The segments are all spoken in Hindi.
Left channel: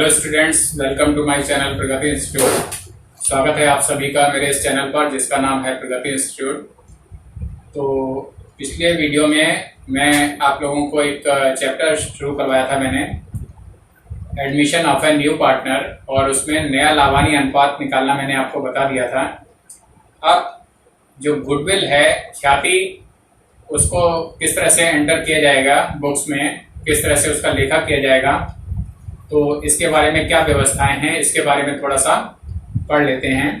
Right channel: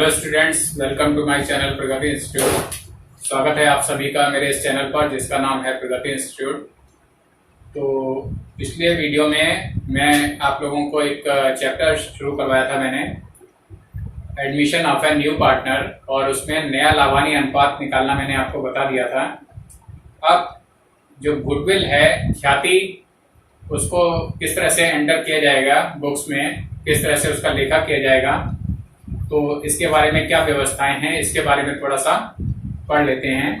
Hello students, welcome to my channel Pragati institute. स्वागत है आप सभी का मेरे इस चैनल पर जिसका नाम है प्रगति इंस्टीट्यूट। तो पिछले वीडियो में मैं आप लोगों को एक चैप्टर शुरू करवाया था मैंने, admission of a new partner, और उसमें नया लाभानी अनुपात निकालना मैंने आपको बता दिया था। अब जो गुडविल है, ख्याति, उसको किस तरह से एंटर किया जाएगा बुक्स में, किस तरह से उसका लेखा किया जाएगा, तो इसके बारे में क्या व्यवस्थाएं हैं, इसके बारे में थोड़ा सा पढ़ लेते हैं।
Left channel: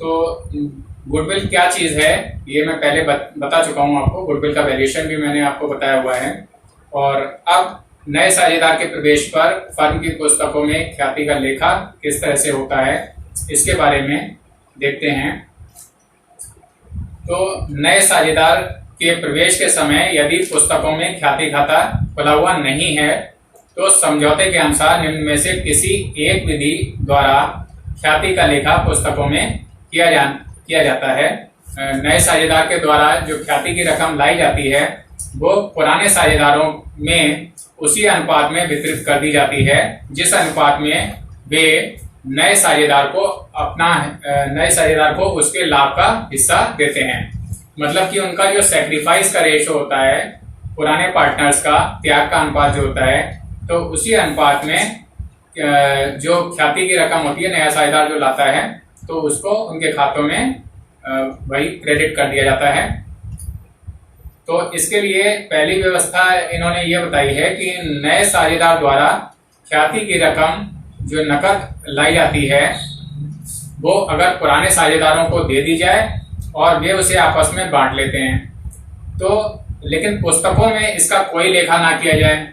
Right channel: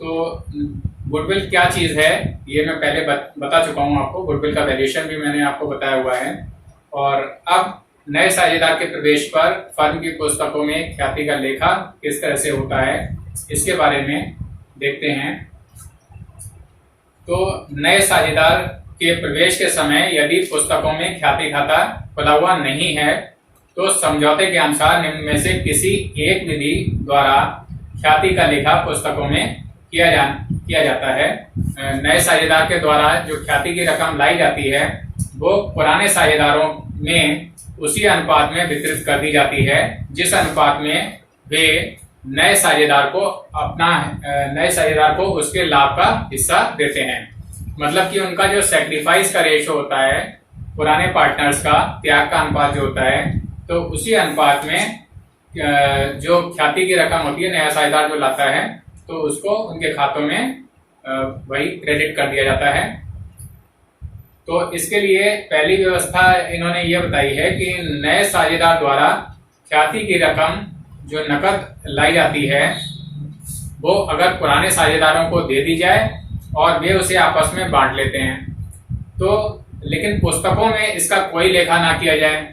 तो गुडविल क्या चीज़ है ये मैं पहले बता चुका हूँ आपको। गुडविल का वैल्यूएशन भी मैंने आपको बताया हुआ है। और अब नए साझेदार के प्रवेश पर फर्म की पुस्तकों में ख्याति का लेखा किस तरह से होता है, इसके बारे में देखते हैं। तो नए साझेदार के प्रवेश के समय यदि पुस्तकों में ख्याति खाता खुला हुआ नहीं है तो समझौते के अनुसार निम्न में से किसी एक विधि द्वारा ख्याति का लेखा पुस्तकों में किया जाता है। नए साझेदार के द्वारा जो ख्याति की रकम लाई जाती है वो पुराने साझेदारों में उसी अनुपात में वितरित कर दी जाती है जिस अनुपात में वे नए साझेदार को उसके लाभ का हिस्सा देते हैं। मतलब कि उनका जो सैक्रिफाइस का रेशो होता है, पुराने पार्टनर्स का त्याग का अनुपात जो होता है, तो उसी अनुपात में जो ख्याति की रकम होती है, नया साझेदार जो लाता है, तो उसको उनके खातों में वही क्रेडिट कर दिया जाता है। तो इसके लिए पहली व्यवस्था इन्होंने ये बताई है कि नए साझेदार द्वारा ख्याति की रकम जो नकद लाई जाती है वो अगर पुराने साझेदारों को दे दी जाए और वे उसे आपस में बांट लेते हैं, तो लेकिन पुस्तकों में इसका कोई लेखा ना किया जाए।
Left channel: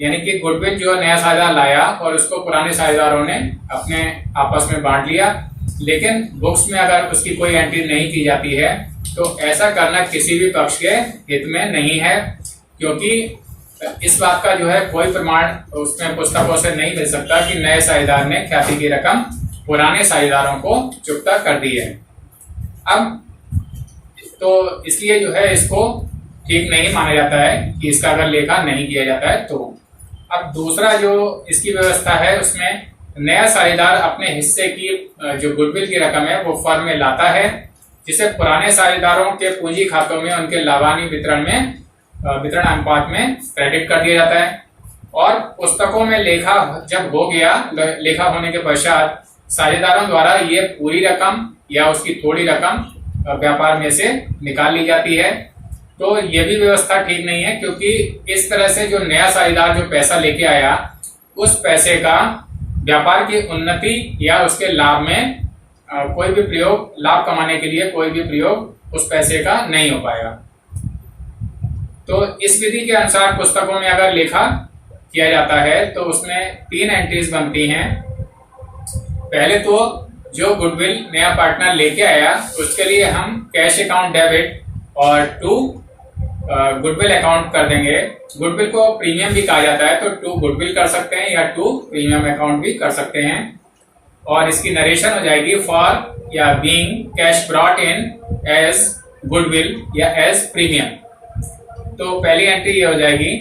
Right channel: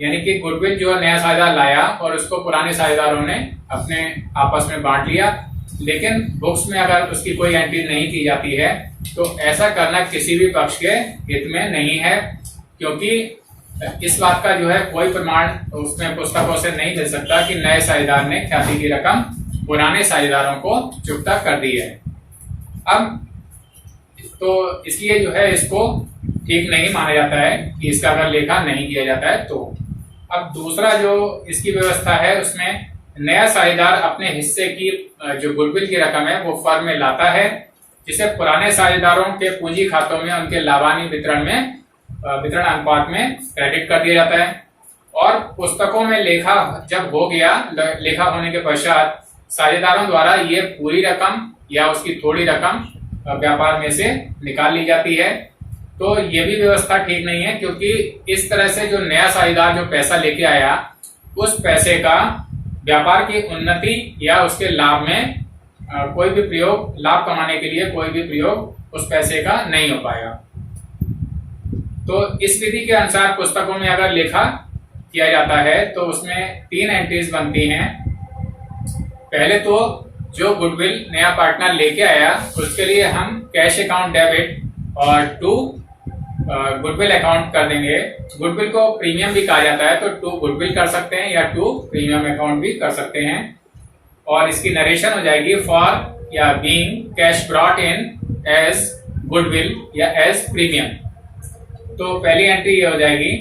यानी कि गुडविल जो नया साझेदार लाया और उसको पुराने साझेदारों ने अपने आपस में बांट लिया, लेकिन बुक्स में अगर उसकी कोई एंट्री नहीं की जाती है तो ऐसा करना किसी भी पक्ष के हित में नहीं है, क्योंकि इस बात का जो है कोई प्रमाण उसमें पुस्तकों से नहीं मिल सकता कि नए साझेदार ने ख्याति की रकम पुराने साझेदारों को चुकता कर दी है। अब तो इसलिए जो है इसको ठीक नहीं माना जाता है कि इसका अगर लेखा नहीं किया जाता है तो। अब दूसरा जो इसकी व्यवस्था है उसमें नया साझेदार अपने हिस्से की जो गुडविल की रकम है वो फर्म में लाता है, जिसे पुराने साझेदारों के पूंजी खातों में उनके लाभानी वितरण अनुपात में क्रेडिट कर दिया जाता है। और पुस्तकों में लेखा जब हो गया, लेखा होने के पश्चात साझेदारों द्वारा ये पूरी रकम या उसकी थोड़ी रकम व्यापार में से निकाल ली जाती है। तो ये भी व्यवस्था ठीक नहीं है, क्योंकि इस तरह से जो नया साझेदार जो पैसा लेके आया उस पैसे का व्यापार की उन्नति या उसके लाभ में कोई भी प्रयोग, लाभ कमाने के लिए कोई भी प्रयोग उस पैसे का नहीं हो पाएगा। तो इस विधि के अनुसार पुस्तकों में अगर लेखा किया जाता है तो उसमें 3 एंट्रीज बनती हैं। पहले तो जो गुडविल नया पार्टनर लेके आया उसके लिए हम कैश अकाउंट डेबिट और 2 गुडविल अकाउंट कर देंगे। गुडविल को प्रीमियम भी कहा जाता है, तो 2 गुडविल कर सकते हैं या 2 प्रीमियम अकाउंट भी कर सकते हैं। और इसकी नरेशन हो जाएगी फॉर या being cash brought in as goodwill या एज प्रीमियम। तो पहली एंट्री ये हो जाएगी।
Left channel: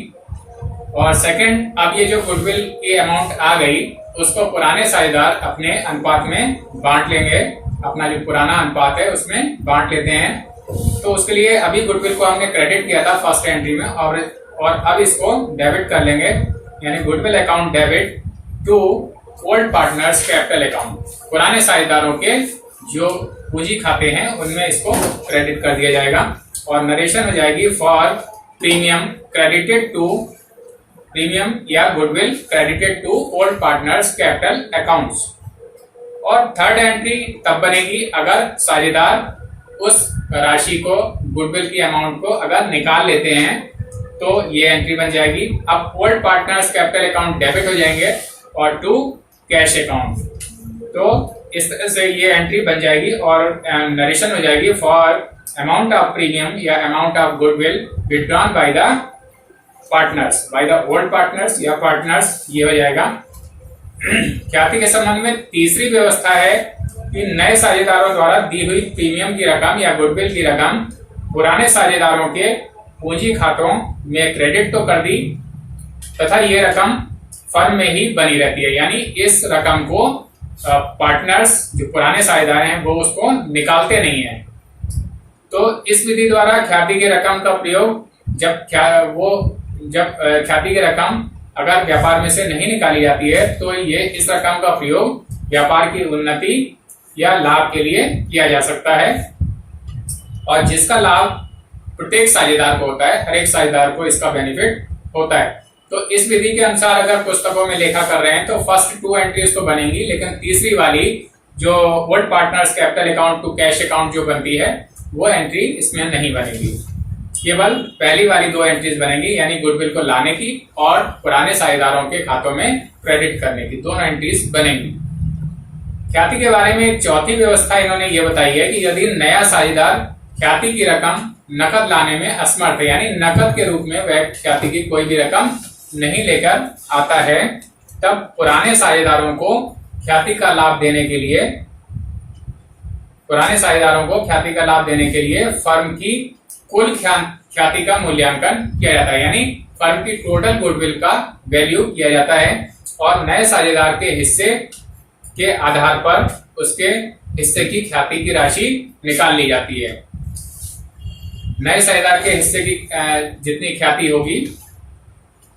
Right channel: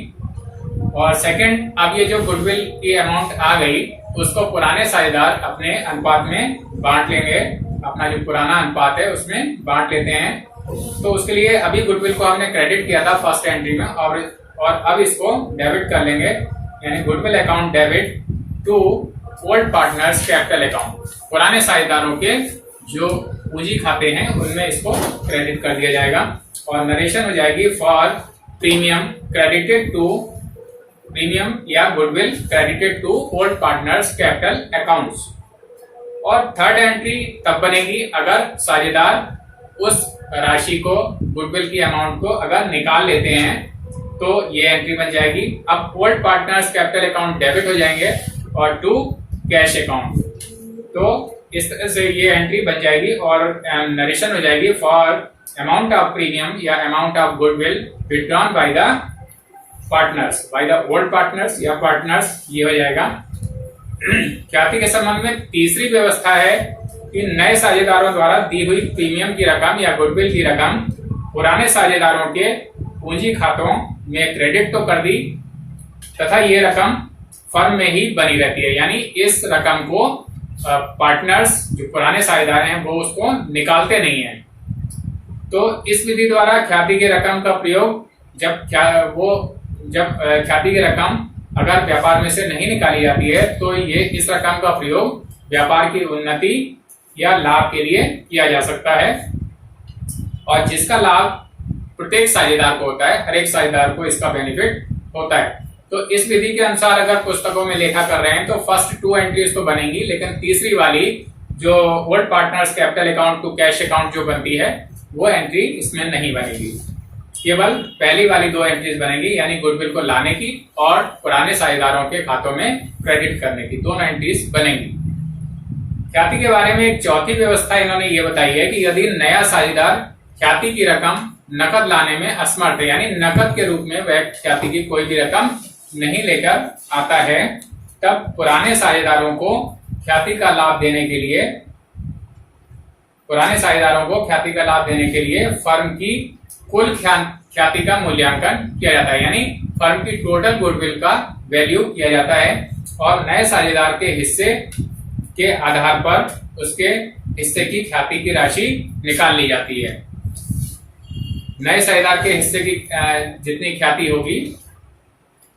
और सेकंड, अब ये जो गुडविल की अमाउंट आ गई उसको पुराने साझेदार अपने अनुपात में बांट लेंगे, अपना जो पुराना अनुपात है उसमें बांट लेते हैं। तो उसके लिए अभी गुडविल को हमने क्रेडिट किया था फर्स्ट एंट्री में, और अब इसको डेबिट कर लेंगे, यानी goodwill account debit to old partners capital account. पुराने साझेदारों के जो पूंजी खाते हैं उनमें इसको क्रेडिट कर दिया जाएगा। और नरेशन हो जाएगी for premium credited to premium या goodwill credited to old partners capital accounts. और थर्ड एंट्री तब बनेगी अगर साझेदार उस राशि को, गुडविल की अमाउंट को अगर निकाल लेते हैं, तो ये एंट्री बन जाएगी। अब old partners capital account debit हो जाएंगे और 2 कैश अकाउंट। तो इस तरह से ये एंट्री बन जाएगी और नरेशन हो जाएगी फॉर अमाउंट ऑफ प्रीमियम या amount of goodwill withdrawn by the partners, by the old partners या पार्टनर्स, ये हो जाएगा। ख्याति के संबंध में तीसरी व्यवस्था है कि नए साझेदारों द्वारा दी हुई प्रीमियम की रकम या गुडविल की रकम पुराने साझेदारों के पूंजी खातों में क्रेडिट तो कर दी, तथा ये रकम फर्म में ही बनी रहती है, यानी इस रकम को पार्टनर्स जो पुराने साझेदार हैं वो उसको निकालते नहीं है। तो इस विधि द्वारा ख्याति की रकम का प्रयोग जब ख्याति की रकम अगर व्यापार में से नहीं निकाली जाती है तो ये इस रकम का प्रयोग व्यापार की उन्नति या लाभ के लिए किया जा सकता है, और जिसका लाभ प्रत्येक साझेदार को होता है, हर एक साझेदार को इसका बेनिफिट होता है। तो इस विधि के अनुसार अगर पुस्तकों में लेखा कर रहे हैं तो फर्स्ट 2 एंट्रीज तो बनेंगी, लेकिन तीसरी वाली जो old partners capital account to cash account जो बनती है वो एंट्री इसमें नहीं बनेगी। केवल पहली वाली 2 एंट्रीज बनेंगी, यानी गुडविल को लाने की और पुराने साझेदारों के खातों में क्रेडिट करने की, दोनों एंट्रीज बनेंगी। ख्याति के बारे में एक चौथी व्यवस्था इन्होंने ये बताई है कि यदि नया साझेदार ख्याति की रकम नकद लाने में असमर्थ है, यानी नकद के रूप में वह ख्याति की कोई भी रकम नहीं लेकर आता है, तब पुराने साझेदारों को ख्याति का लाभ देने के लिए फर्म की कुल ख्याति का मूल्यांकन किया जाता है, यानी फर्म की टोटल गुडविल का वैल्यू किया जाता है और नए साझेदार के हिस्से के आधार पर उसके हिस्से की ख्याति की राशि निकाल ली जाती है। नए साझेदार के हिस्से की जितनी ख्याति होगी,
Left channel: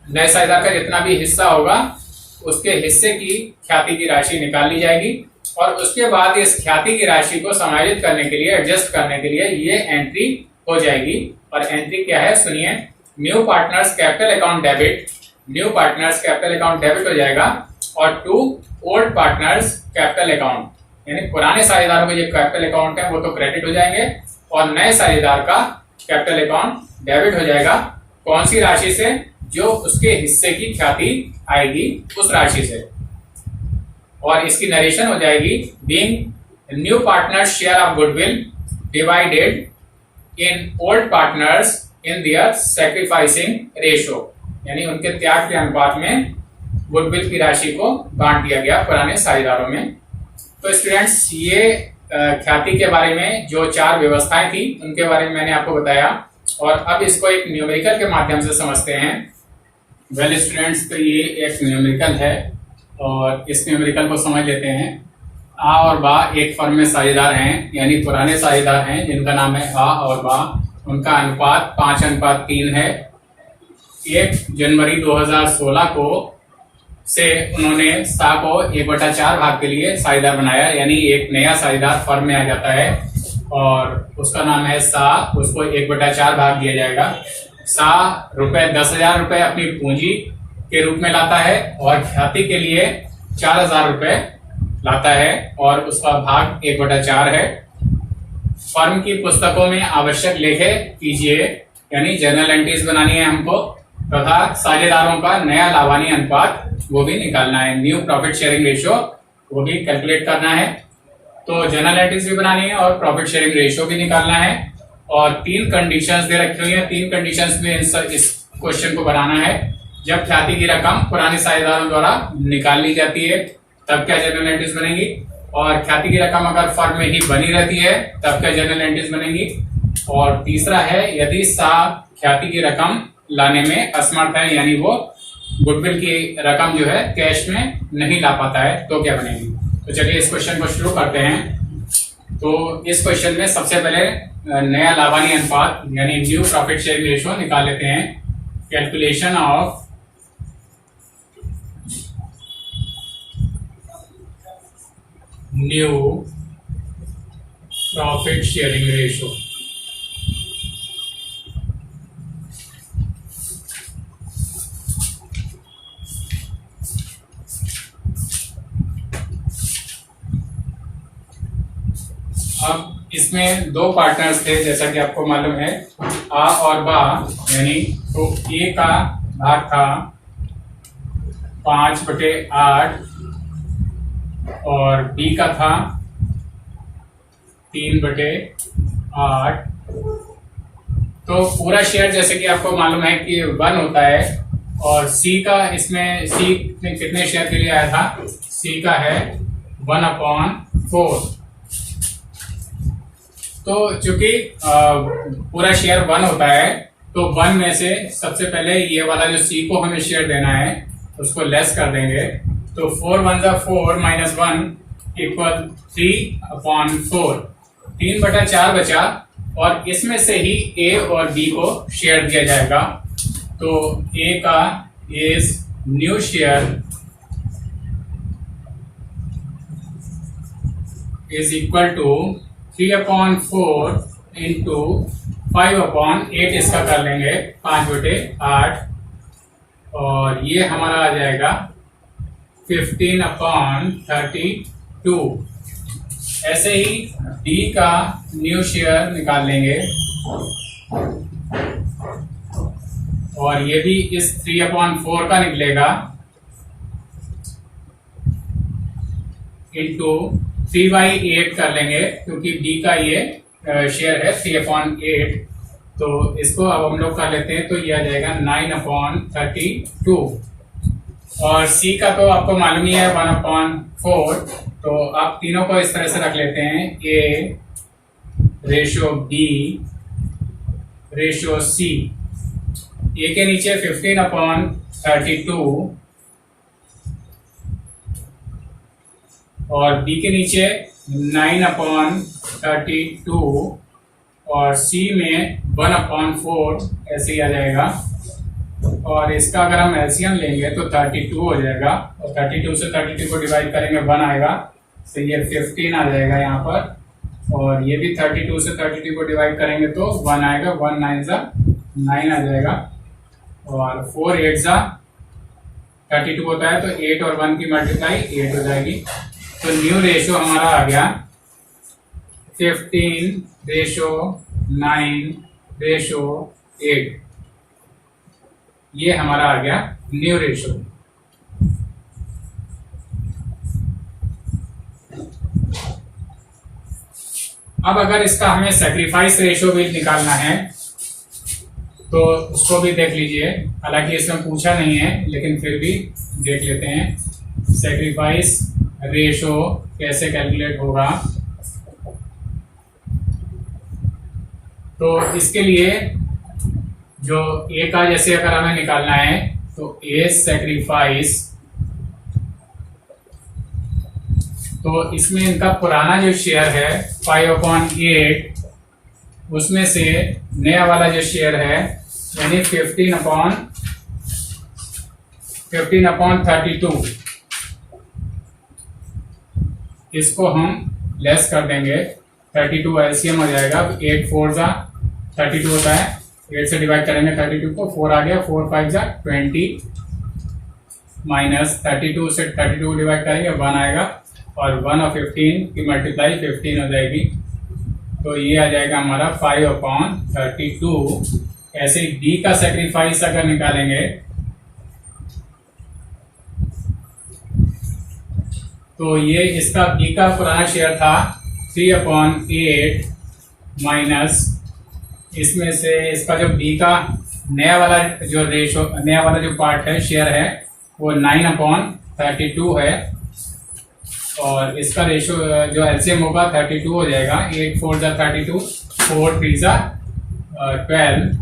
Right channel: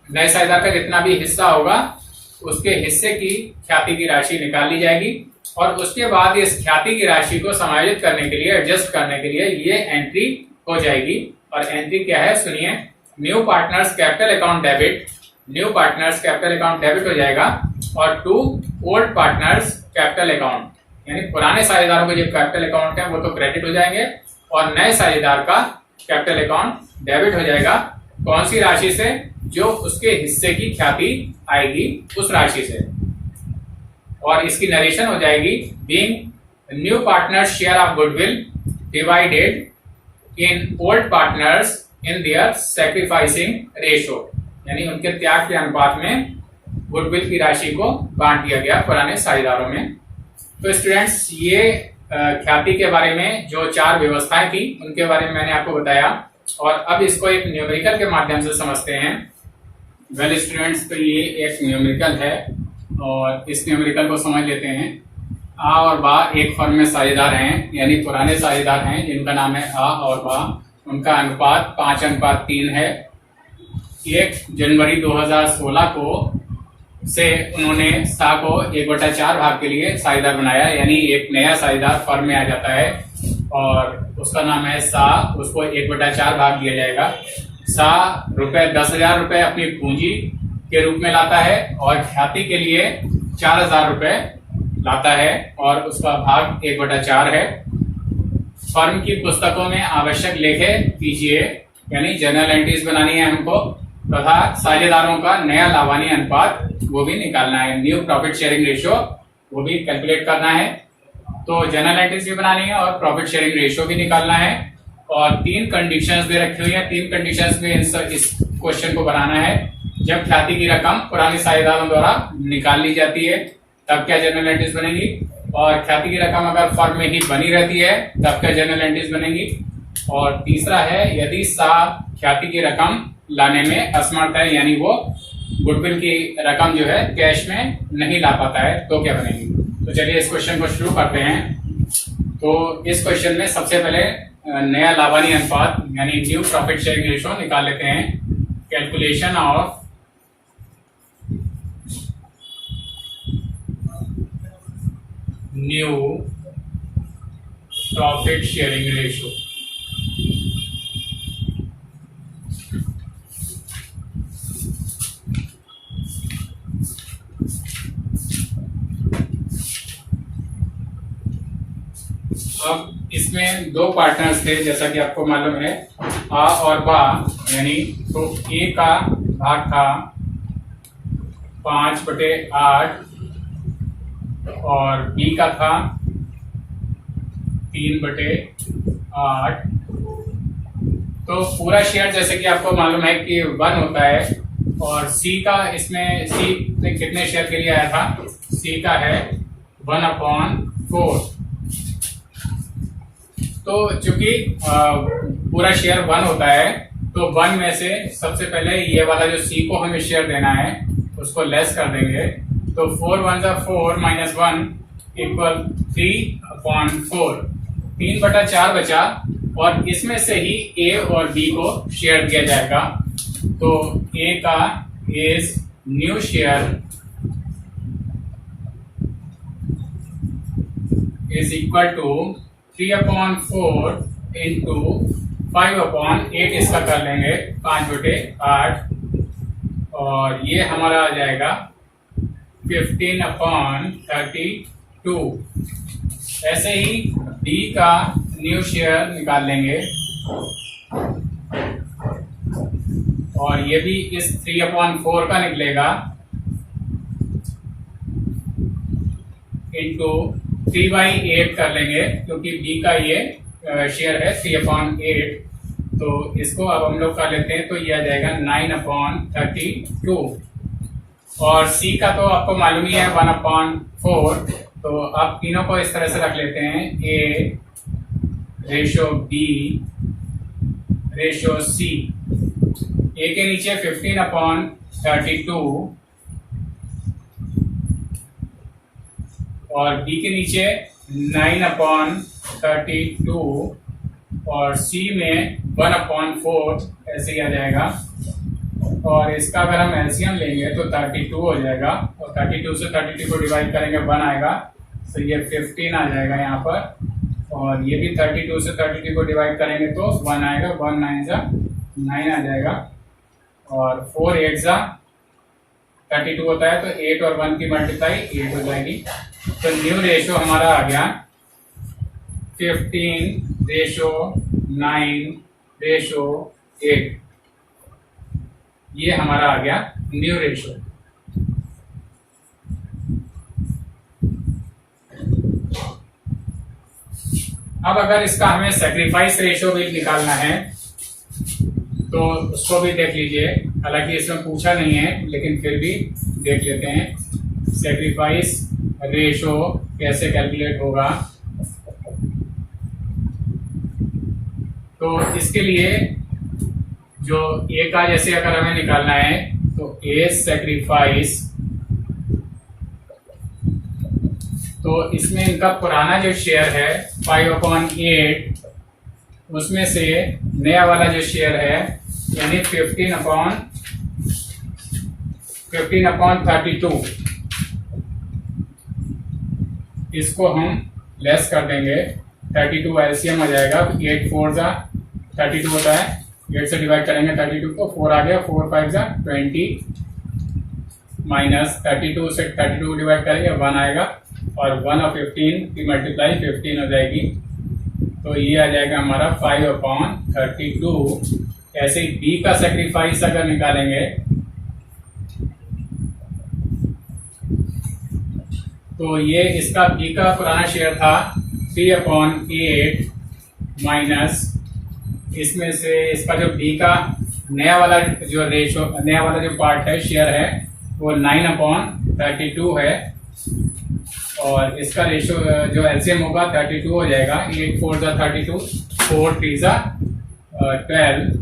नए साझेदार का जितना भी हिस्सा होगा उसके हिस्से की ख्याति की राशि निकाल ली जाएगी और उसके बाद इस ख्याति की राशि को समायोजित करने के लिए, एडजस्ट करने के लिए ये एंट्री हो जाएगी। और एंट्री क्या है सुनिए, new partners capital account debit हो जाएगा और to old partners capital account, यानी पुराने साझेदारों के जो कैपिटल अकाउंट है वो तो क्रेडिट हो जाएंगे और नए साझेदार का कैपिटल अकाउंट डेबिट हो जाएगा। कौन सी राशि से? जो उसके हिस्से की ख्याति आएगी उस राशि से। और इसकी नरेशन हो जाएगी, being new partners share of goodwill divided in old partners in their sacrificing ratio, यानी उनके त्याग के अनुपात में गुडविल की राशि को बांट दिया गया पुराने साझेदारों में। तो स्टूडेंट्स, ये ख्याति के बारे में जो 4 व्यवस्थाएं थी उनके बारे में मैंने आपको बताया और अब इसको एक न्यूमेरिकल के माध्यम से समझते हैं। वेल स्टूडेंट्स, तो ये एक न्यूमेरिकल है और इस न्यूमेरिकल को समझ लेते हैं। आ और बा एक फर्म में साझेदार हैं, यानी पुराने साझेदार हैं जिनका नाम है आ और बा। उनका अनुपात 5:3 है। 1 जनवरी 2016 को से उन्होंने सा को 1/4 भाग के लिए साझेदार बनाया, यानी एक नया साझेदार फर्म में आ जाता है और उसका नाम है सा, उसको 1/4 भाग दिया जाएगा। सा ₹10,000 अपनी पूंजी के रूप में लाता है और ख्याति के लिए 4,000 रुपए लाता है और उसका भाग 1/4 है। फर्म की पुस्तकों में आवश्यक लेखे कीजिए, यानी जर्नल एंट्रीज बनानी है हमको, तथा साझेदारों का नया लाभानी अनुपात वो भी निकालना है, न्यू प्रॉफिट शेयरिंग रेशियो वो भी कैलकुलेट करना है। तो जर्नल एंट्रीज भी बनानी है और प्रॉफिट शेयरिंग रेशियो भी निकालना है और 3 कंडीशंस दे रखी हुई है। 3 कंडीशंस में इस क्वेश्चन को बनाना है। जब ख्याति की रकम पुराने साझेदारों द्वारा निकाल ली जाती है तब क्या जर्नल एंट्रीज बनेगी, और ख्याति की रकम अगर फर्म में ही बनी रहती है तब क्या जर्नल एंट्रीज बनेगी। और तीसरा है, यदि सा ख्याति की रकम लाने में असमर्थ है, यानी वो गुडविल की रकम जो है कैश में नहीं ला पाता है, तो क्या बनेगी। तो चलिए इस क्वेश्चन को शुरू करते हैं। तो इस क्वेश्चन में सबसे पहले नया लाभानी अनुपात यानी न्यू प्रॉफिट शेयरिंग रेशियो निकाल लेते हैं। Calculation of new profit sharing ratio. अब इसमें 2 पार्टनर्स थे जैसा कि आपको मालूम है, आ और बा, यानी तो ए का भाग था 5/8 और बी का था 3/8। तो पूरा शेयर जैसे कि आपको मालूम है कि 1 होता है और सी का, इसमें सी कितने शेयर के लिए आया था, सी का है 1/4। तो चूंकि पूरा शेयर 1 होता है तो 1 में से सबसे पहले ये वाला जो सी को हमें शेयर देना है उसको लेस कर देंगे तो 4 1 4 माइनस 1 इक्वल 3/4, 3/4 बचा और इसमें से ही ए और बी को शेयर दिया जाएगा। तो ए का is new share is equal to 3/4 into 5/8, इसका कर लेंगे 5/8 और ये हमारा आ जाएगा 15/32। ऐसे ही डी का न्यू शेयर निकाल लेंगे और ये भी इस 3/4 का निकलेगा इंटू 3/8 कर लेंगे क्योंकि बी का ये शेयर है 3/8। तो इसको अब हम लोग कर लेते हैं तो ये आ जाएगा 9/32 और सी का तो आपको मालूम ही है 1/4। तो आप तीनों को इस तरह से रख लेते हैं ए रेशो बी रेशो सी। ए के नीचे 15/32 और बी के नीचे 9/32 और सी में 1/4 ऐसे ही आ जाएगा। और इसका अगर हम एलसीएम लेंगे तो 32 हो जाएगा और 32 से 32 को डिवाइड करेंगे 1 आएगा, तो ये 15 आ जाएगा यहाँ पर। और ये भी 32 से 32 को डिवाइड करेंगे तो 1 आएगा, 1 9 9 आ जाएगा और 4 8 32 होता है तो 8 और 1 की मल्टीप्लाई 8 हो जाएगी। तो न्यू रेशो हमारा आ गया 15:9:8। ये हमारा आ गया न्यू रेशो। अब अगर इसका हमें सैक्रिफाइस रेशो भी निकालना है तो उसको भी देख लीजिए। हालांकि इसमें पूछा नहीं है लेकिन फिर भी देख लेते हैं सैक्रिफाइस रेशो कैसे कैलकुलेट होगा। तो इसके लिए जो ए का जैसे अगर हमें निकालना है तो ए सैक्रिफाइस, तो इसमें इनका पुराना जो शेयर है 5/8 उसमें से नया वाला जो शेयर है यानी 15/32 इसको हम लेस कर देंगे। 32 एलसीएम आ जाएगा, 8 4 32 होता है, 8 से डिवाइड करेंगे 32 को, 4 आ गया, 4 5 20 माइनस 32 से 32 डिवाइड करेंगे 1 आएगा और 1 और 15 की मल्टीप्लाई 15 हो जाएगी। तो ये आ जाएगा हमारा 5/32। ऐसे ही डी का सैक्रिफाइस अगर निकालेंगे तो ये इसका बी का पुराना शेयर था 3/8 माइनस इसमें से इसका जो बी का नया वाला जो रेशो, नया वाला जो पार्ट है शेयर है वो 9/32 है और इसका रेशो जो एलसीएम होगा 32 हो जाएगा। 8 4 32, 4 3 12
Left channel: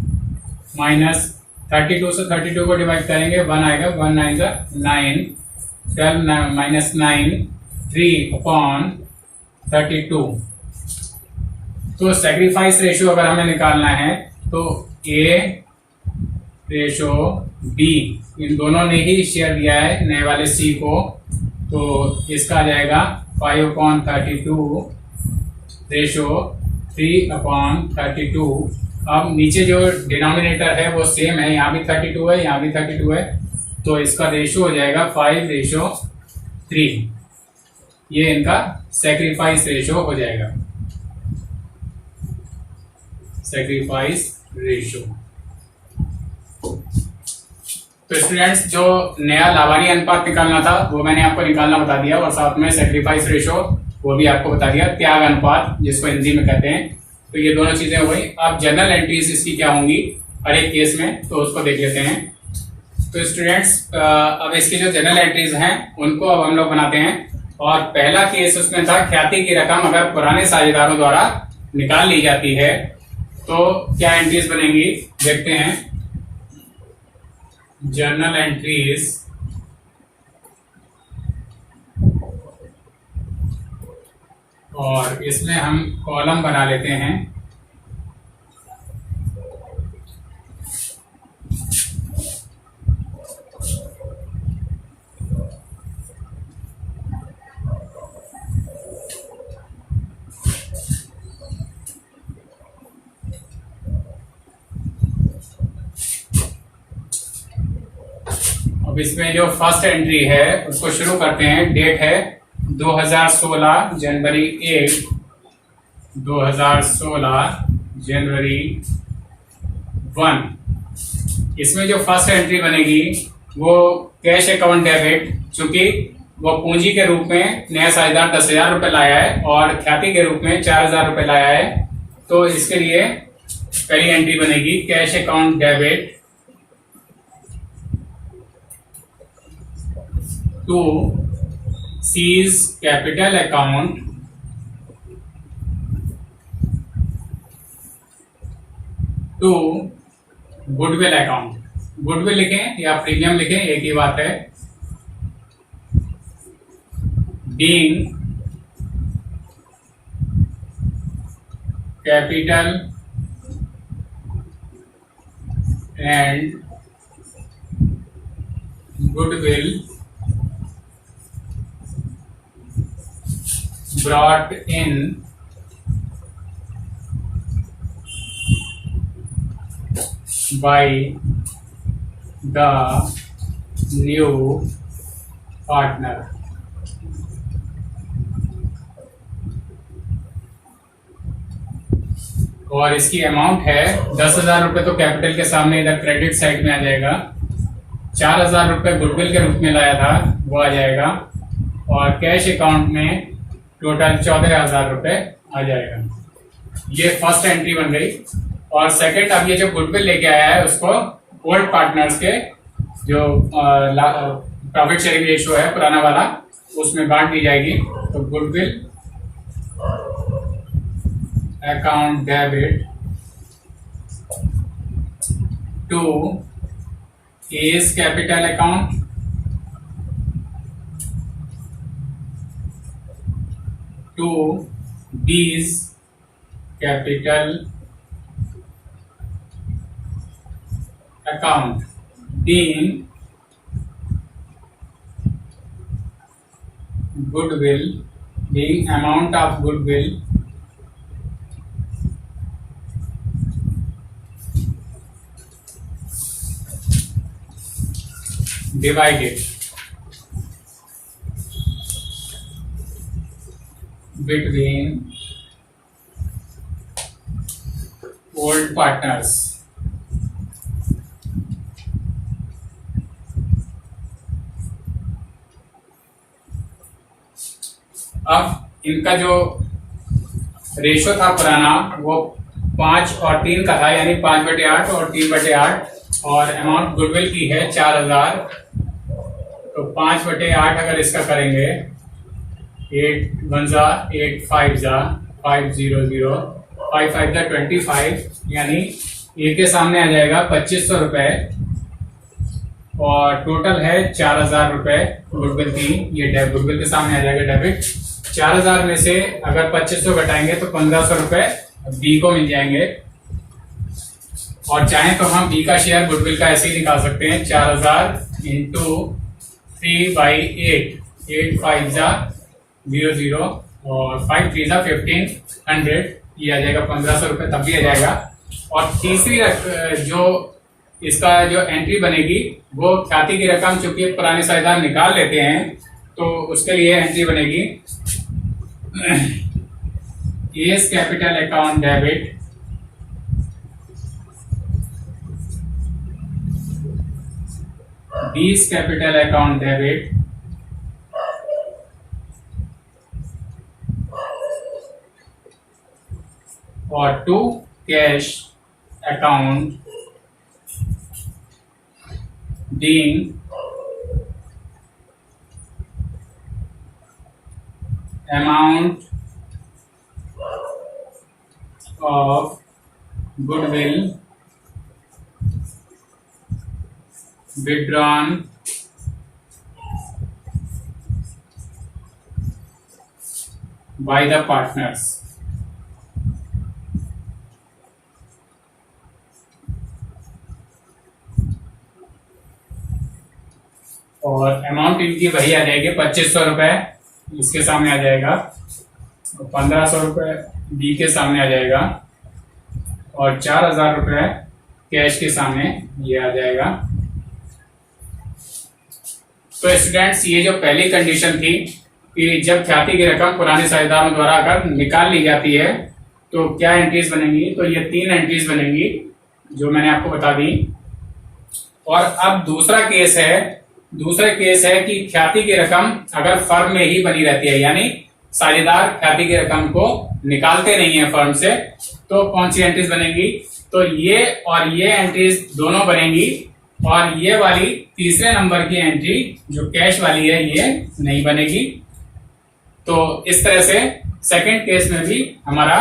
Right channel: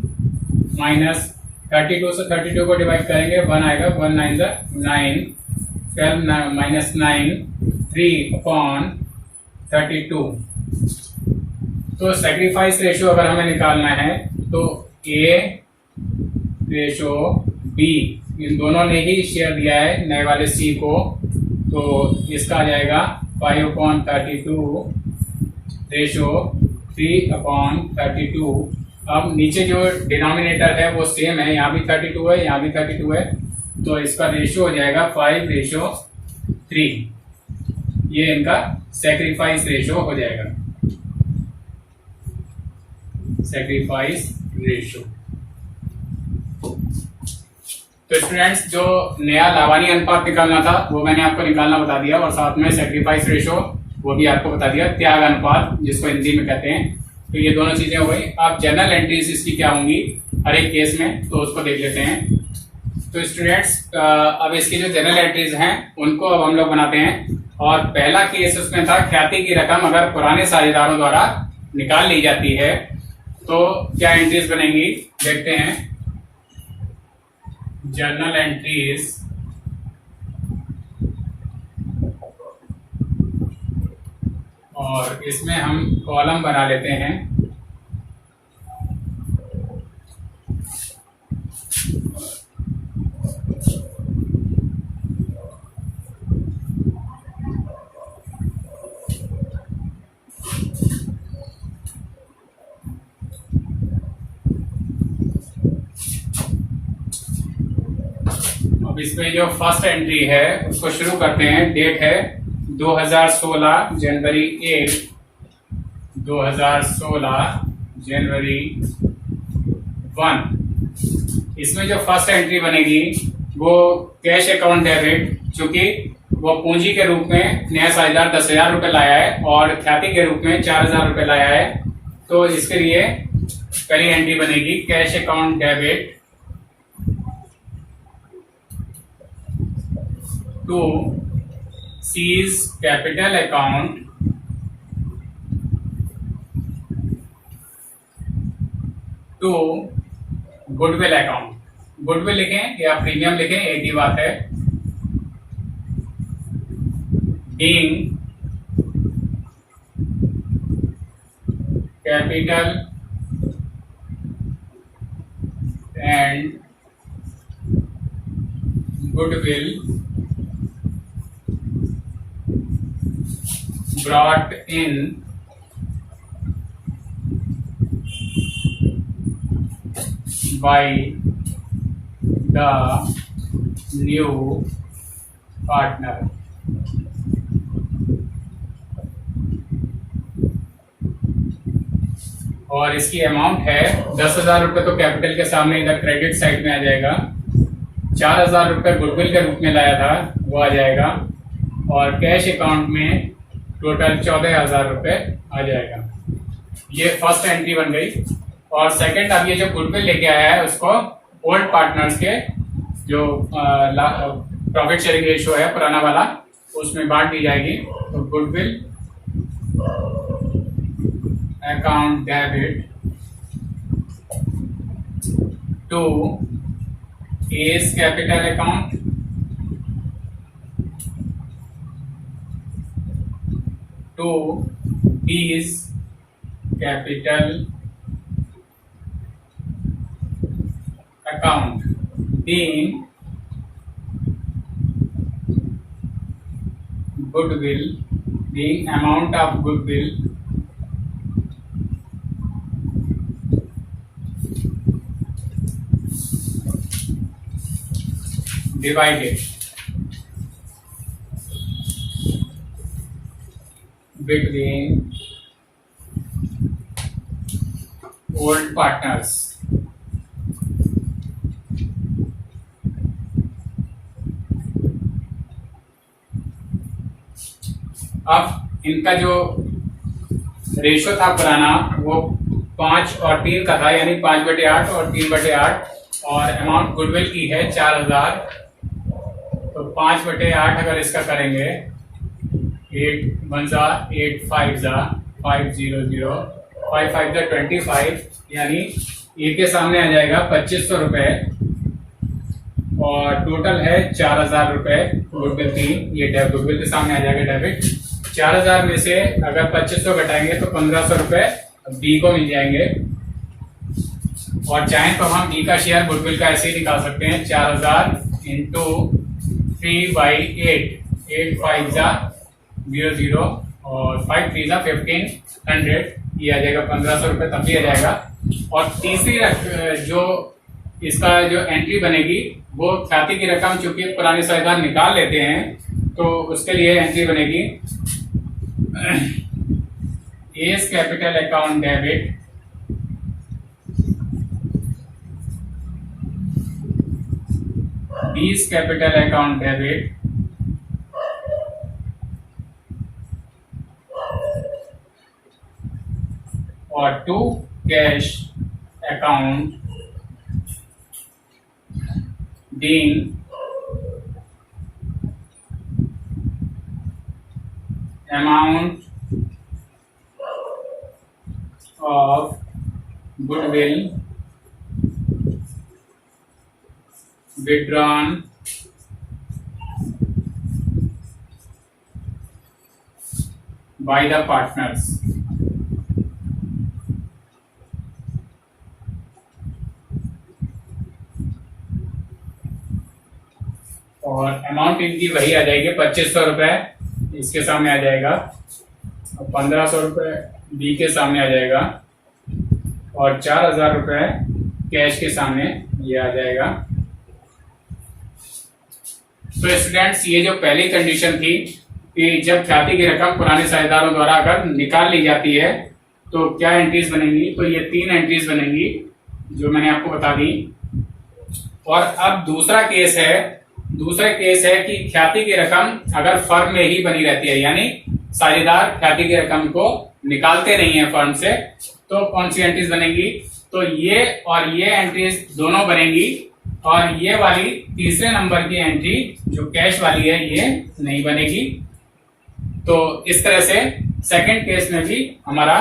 माइनस 32 से 32 को डिवाइड करेंगे 1 आएगा, 1 9 9, 12 माइनस 9 3/32। तो सैक्रिफाइस रेशो अगर हमें निकालना है तो ए रेशो बी, इन दोनों ने ही शेयर दिया है नए वाले सी को, तो इसका आ जाएगा 5/32 रेशो 3/32। अब नीचे जो डिनोमिनेटर है वो सेम है, यहाँ भी 32 है, यहाँ भी 32 है, तो इसका रेशो हो जाएगा 5/3। ये इनका सैक्रिफाइस रेशो हो जाएगा, सैक्रिफाइस रेशो। तो स्टूडेंट्स जो नया लाभानी अनुपात निकालना था वो मैंने आपको निकालना बता दिया और साथ में सैक्रिफाइस रेशो वो भी आपको बता दिया, त्याग अनुपात जिसको हिंदी में कहते हैं। तो ये दोनों चीजें हो गई। अब जनरल एंट्रीज इसकी क्या होंगी हर एक केस में, तो उसको देख लेते हैं। तो स्टूडेंट्स अब इसकी जो जनरल एंट्रीज हैं उनको अब हम लोग बनाते हैं। और पहला केस उसमें था ख्याति की रकम अगर पुराने साझेदारों द्वारा निकाल ली जाती है तो क्या एंट्रीज बनेंगी देखते हैं। जर्नल एंट्रीज और इसमें हम कॉलम बना लेते हैं। अब इसमें जो फर्स्ट एंट्री है उसको शुरू करते हैं। डेट है 2016 जनवरी 1, 2016 जनवरी 1। इसमें जो फर्स्ट एंट्री बनेगी वो कैश अकाउंट डेबिट, चूंकि वो पूंजी के रूप में नया साझेदार 10,000 रुपए लाया है और ख्याति के रूप में 4,000 रुपए लाया है, तो इसके लिए पहली एंट्री बनेगी cash account debit to C's capital account to goodwill account. Goodwill लिखें या प्रीमियम लिखें, एक ही बात है। Being capital and goodwill brought in by the new partner। और इसकी अमाउंट है 10,000 रुपए, तो कैपिटल के सामने इधर क्रेडिट साइड में आ जाएगा। 4,000 रुपए गुडविल के रूप में लाया था वो आ जाएगा, और कैश अकाउंट में टोटल 14,000 रुपए आ जाएगा। ये फर्स्ट एंट्री बन गई। और सेकंड, अब ये जो गुडविल लेके आया है उसको ओल्ड पार्टनर्स के जो प्रॉफिट शेयरिंग रेशियो है पुराना वाला, उसमें बांट दी जाएगी। तो goodwill account debit to A's capital account to B's capital account, being goodwill, being amount of goodwill divided between old partners। अब इनका जो रेशो था पुराना वो 5 और 3 का था, यानी 5/8 और 3/8, और अमाउंट गुडविल की है 4,000। तो 5/8 अगर इसका करेंगे, 8 1 जा 8 5 जा 500 5 5 जा 25, यानी ए के सामने आ जाएगा 2,500 रुपए, और टोटल है 4,000 रुपए गुडविल की। ये गुडविल के सामने आ जाएगा डेबिट। 4,000 में से अगर 2,500 घटाएंगे तो 1,500 रुपए बी को मिल जाएंगे। और चाहें तो हम बी का शेयर गुडविल का ऐसे ही निकाल सकते हैं, 4,000 इंटू 3/8, 8 5 जा 00 और 5 3 जा 1,500, ये आ जाएगा 1,500 रुपए, तब भी आ जाएगा। और तीसरी जो इसका जो एंट्री बनेगी वो ख्याति की रकम, चूंकि पुराने साझेदार निकाल लेते हैं तो उसके लिए एंट्री बनेगी एस कैपिटल अकाउंट डेबिट बीस कैपिटल अकाउंट डेबिट और 2 cash account being amount of goodwill withdrawn by the partners. और अमाउंट इनकी वही आ जाएगी 2500 रुपए इसके सामने आ जाएगा, और 1500 रुपए बी के सामने आ जाएगा, और 4000 रुपए कैश के सामने ये आ जाएगा। तो स्टूडेंट्स, ये जो पहली कंडीशन थी कि जब ख्याति की रकम पुराने साझेदारों द्वारा अगर निकाल ली जाती है तो क्या एंट्रीज बनेंगी, तो ये 3 एंट्रीज बनेंगी जो मैंने आपको बता दी। और अब दूसरा केस है कि ख्याति की रकम अगर फर्म में ही बनी रहती है, यानी साझेदार ख्याति की रकम को निकालते नहीं है फर्म से, तो कौन सी एंट्रीज बनेंगी, तो ये और ये एंट्रीज दोनों बनेंगी, और ये वाली तीसरे नंबर की एंट्री जो कैश वाली है ये नहीं बनेगी। तो इस तरह से सेकंड केस में भी हमारा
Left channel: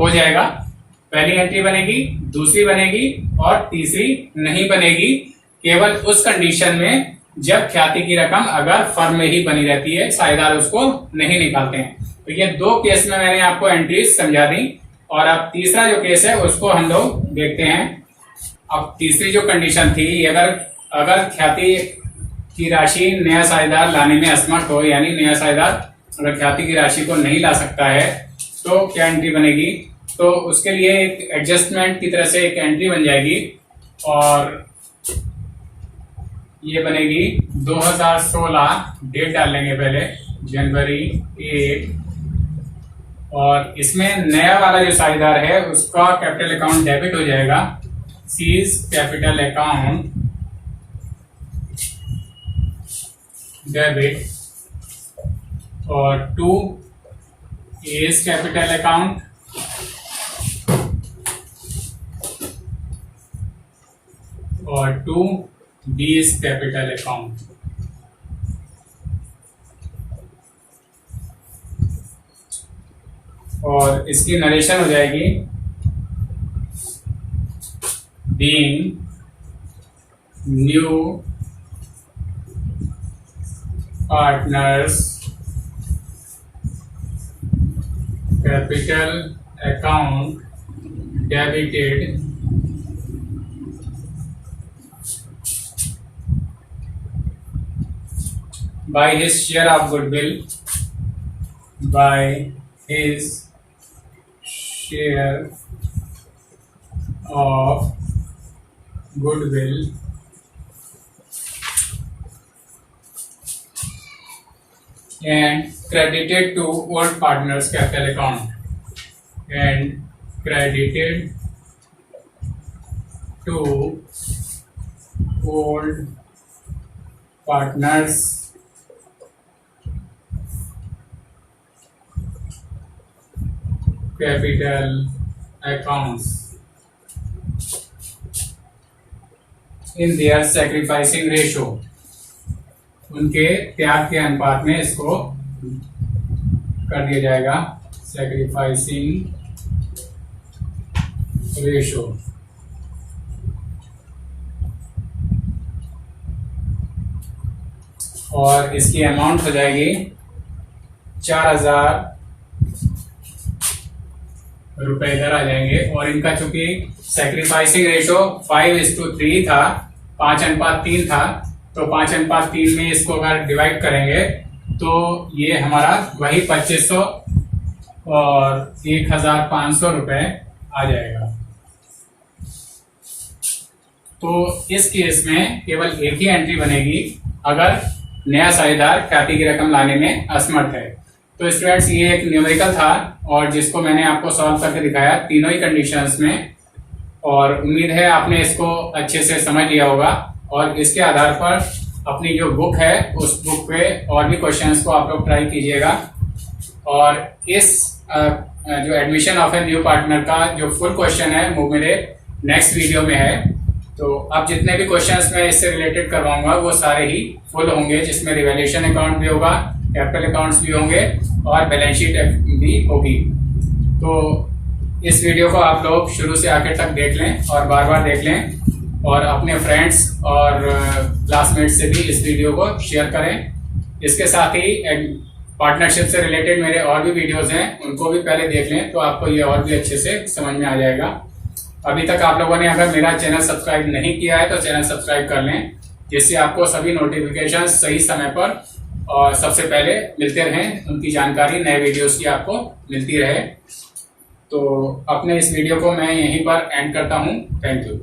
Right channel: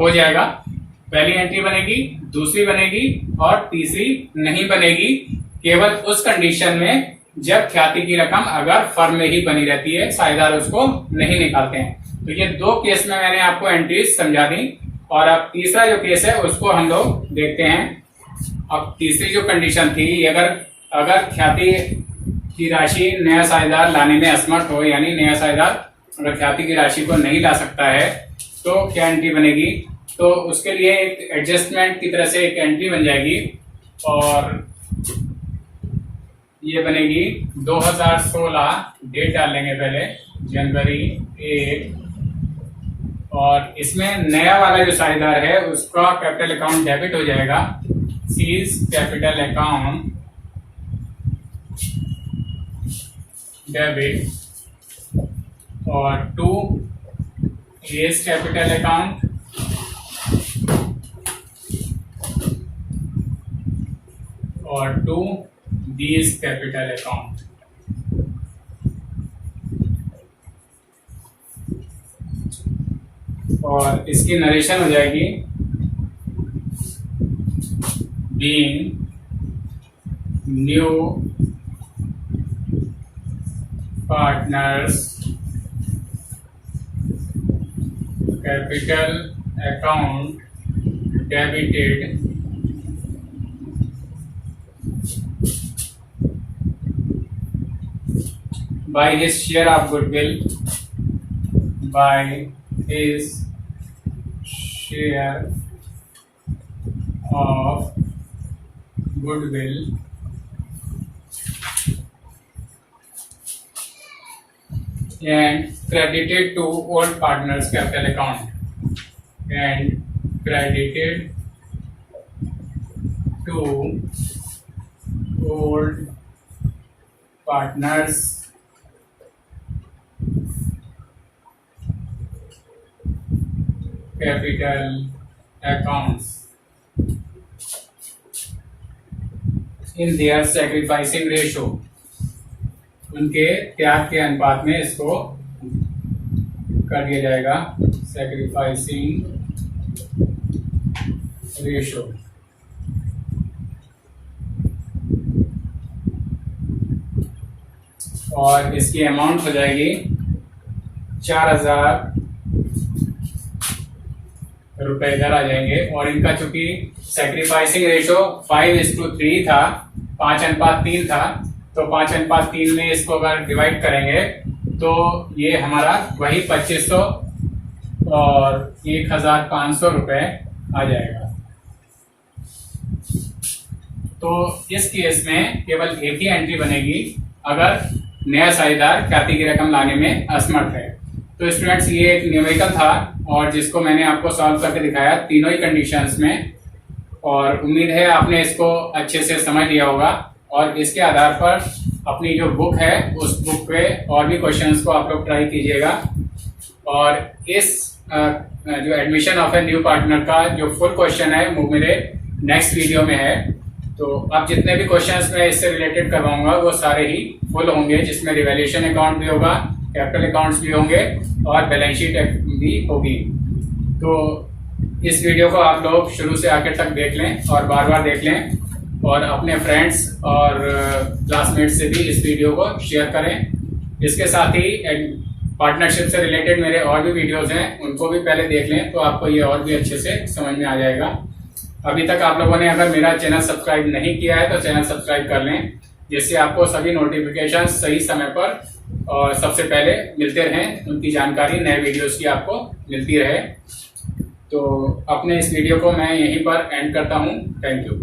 हो जाएगा, पहली एंट्री बनेगी, दूसरी बनेगी और तीसरी नहीं बनेगी, केवल उस कंडीशन में जब ख्याति की रकम अगर फर्म में ही बनी रहती है, साझेदार उसको नहीं निकालते हैं। तो ये 2 केस में मैंने आपको एंट्रीज समझा दी, और अब तीसरा जो केस है उसको हम लोग देखते हैं। अब तीसरी जो कंडीशन थी, अगर ख्याति की राशि नया साझेदार लाने में असमर्थ हो, यानी नया साझेदार अगर ख्याति की राशि को नहीं ला सकता है तो क्या एंट्री बनेगी, तो उसके लिए एक एडजस्टमेंट की तरह से एक एंट्री बन जाएगी, और ये बनेगी 2016, डेट डाल लेंगे पहले जनवरी 1, और इसमें नया वाला जो साझेदार है उसका कैपिटल अकाउंट डेबिट हो जाएगा, सीज कैपिटल अकाउंट डेबिट, और 2 एज कैपिटल अकाउंट, और 2 बीज कैपिटल अकाउंट। और इसकी नरेशन हो जाएगी being new partners capital account debited by his share of goodwill, by his share of goodwill and credited to old partners capital account, and credited to old partners capital accounts in their sacrificing ratio, उनके त्याग के अनुपात में इसको कर दिया जाएगा, सैक्रिफाइसिंग रेशो। और इसकी अमाउंट हो जाएगी 4000 रुपए इधर आ जाएंगे, और इनका चूंकि सैक्रिफाइसिंग रेशो 5:3 था, 5:3 था, तो 5:3 में इसको अगर डिवाइड करेंगे तो ये हमारा वही 2500 और 1500 रुपए आ जाएगा। तो इस केस में केवल एक ही एंट्री बनेगी अगर नया साझेदार ख्याति की रकम लाने में असमर्थ है। तो स्टूडेंट्स, ये एक न्यूमेरिकल था और जिसको मैंने आपको सॉल्व करके दिखाया तीनों ही कंडीशंस में, और उम्मीद है आपने इसको अच्छे से समझ लिया होगा, और इसके आधार पर अपनी जो बुक है उस बुक पे और भी क्वेश्चंस को आप लोग ट्राई कीजिएगा। और इस जो admission of a new partner का जो फुल क्वेश्चन है वो मेरे नेक्स्ट वीडियो में है। तो अब जितने भी क्वेश्चंस मैं इससे रिलेटेड करवाऊंगा वो सारे ही फुल होंगे, जिसमें रिवैल्यूएशन अकाउंट भी होगा, कैपिटल अकाउंट्स भी होंगे और बैलेंस शीट भी होगी। तो इस वीडियो को आप लोग शुरू से आखिर तक देख लें और बार बार देख लें, और अपने फ्रेंड्स और क्लासमेट्स से भी इस वीडियो को शेयर करें। इसके साथ ही पार्टनरशिप से रिलेटेड मेरे और भी वीडियोस हैं, उनको भी पहले देख लें तो आपको ये और भी अच्छे से समझ में आ जाएगा। अभी तक आप लोगों ने अगर मेरा चैनल सब्सक्राइब नहीं किया है तो चैनल सब्सक्राइब कर लें, जिससे आपको सभी नोटिफिकेशन सही समय पर और सबसे पहले मिलते रहें, उनकी जानकारी नए वीडियोस की आपको मिलती रहे। तो अपने इस वीडियो को मैं यहीं पर एंड करता हूँ। Thank you.